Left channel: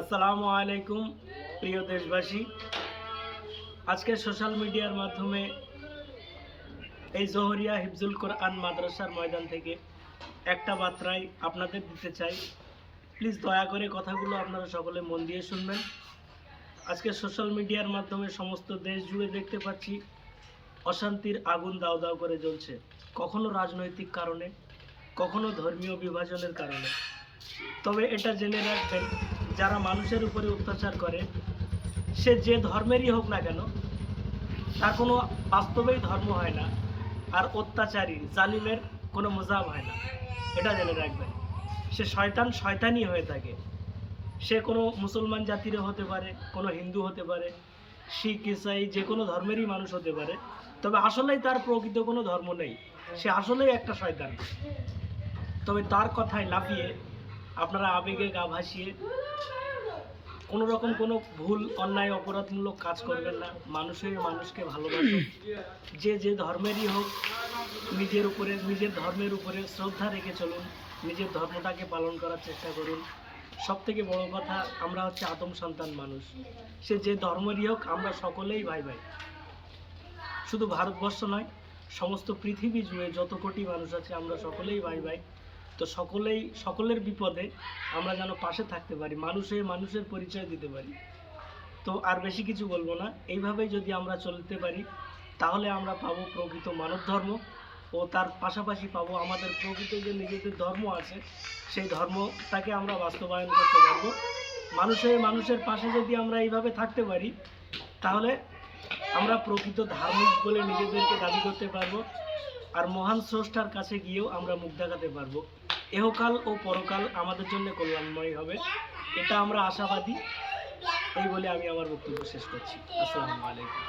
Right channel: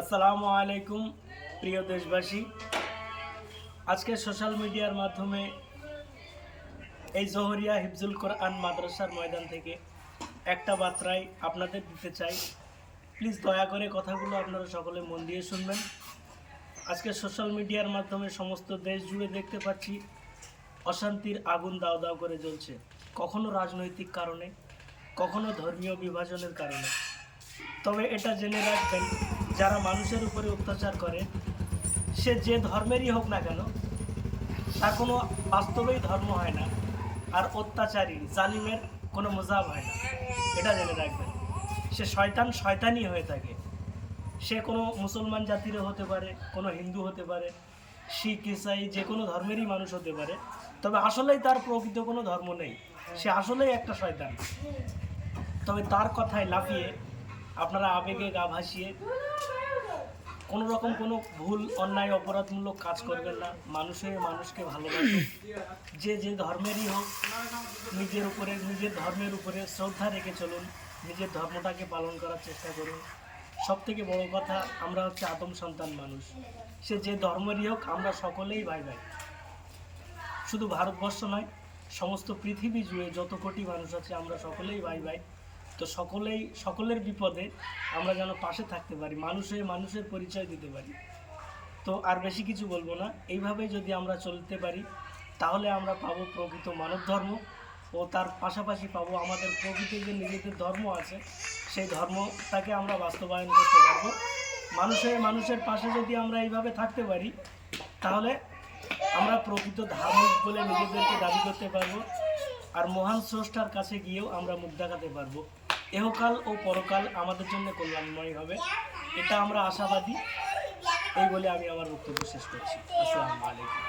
আসসালামু আলাইকুম প্রিয় দেশবাসী। আজকে সোশ্যাল মিডিয়ার মাধ্যমে এই জহরিয়া হিফজুল কোরআন মাদ্রাসার ময়দান থেকে একটা বার্তাই আপনাদের দিতে চাই। প্লিজ দয়া করে কথাগুলো আপনারা সকলে মন দিয়ে শুনবেন। আজকে সোশ্যাল মিডিয়ার মাধ্যমে সমস্ত দেশ জুড়ে দেখতে পাচ্ছি অশান্তির আগুন দাউ দাউ করে জ্বলছে, কখনো রাজনৈতিক কারণে, কখনো ধর্মীয় বিভাজনের কারণে। তবে এটা জেনে রাখবেন, যারা মানুষের উপরে অত্যাচার করে, সে যে ধর্মেরই হোক না কেন, তার কোনো বাস্তবেই ধর্ম হয় না, আর অত্যাচারী জালিমের কোনো মজাব হয় না। এটা জেনে রাখবেন, সে শয়তানই হয়ে থাকে। সে কোনো মুসলমান জাতিরও হতে পারে, কোনো হিন্দু হতে পারে, শিখ ইসাই যে কোনো ধর্মেরই মানুষ হতে পারে। তবে আসলেই তার প্রকৃত কোনো ধর্ম নেই, সে আসলেই একটা শয়তান। তবে তার কথায় লাফিয়ে আপনারা আবেগে গা ভাসিয়ে কোনো রকম কোনো ভুল অন্যায় অপরাধমূলক কাজ করবেন না। মানুষ হয়ে মানুষকে ভালোবাসুন, যে ধর্মেরই হোক, নিজের ধর্মের উপরে শ্রদ্ধা রেখে চলুন, নিজের ধর্মটাকে পালন করার চেষ্টা করুন। সবথেকে বড় কথা, আমরা হচ্ছে আদম সন্তান মানুষ। সে যে ধর্মেরই হোক, আমরা সকলেই ভাই ভাই। শুধু ভারতবর্ষ নয়, সমস্ত পৃথিবী জুড়ে যত কোটি মানুষ আছে, আমরা সকলেই ভাই ভাই। তো সকলের বিপদে আমরা যেন পাশে থাকতে পারি, মানুষ হয়ে মানুষের পরিচয় দিতে পারি। তো আর বেশি কিছু বলবো না। এইভাবেই যদি আমরা চলতে পারি, তাহলে আমরা পাবো প্রকৃত মানব ধর্ম, ও তার পাশাপাশি পাবো আমাদের প্রকৃত যে নিজেদের ধর্ম আছে, সেই ধর্মটাকে আমরা বাস্তবায়ন করতে পারবো। মানুষ হয়ে মানুষের পাশে যদি আমরা এইভাবে থাকতে পারি, তাহলে আমরা প্রকৃত ধার্মিক বলে নিজেদেরকে দাবি করতে পারবো, আর মহান স্রষ্টার কাছে গিয়েও আমরা মুখ দেখাতে পারবো। এহকাল ও পরকাল আমাদের জন্য কল্যাণময় হবে, এটা আমরা আশাবাদী। এই বলে আমি আমার বক্তব্য শেষ করছি। আসসালামু আলাইকুম।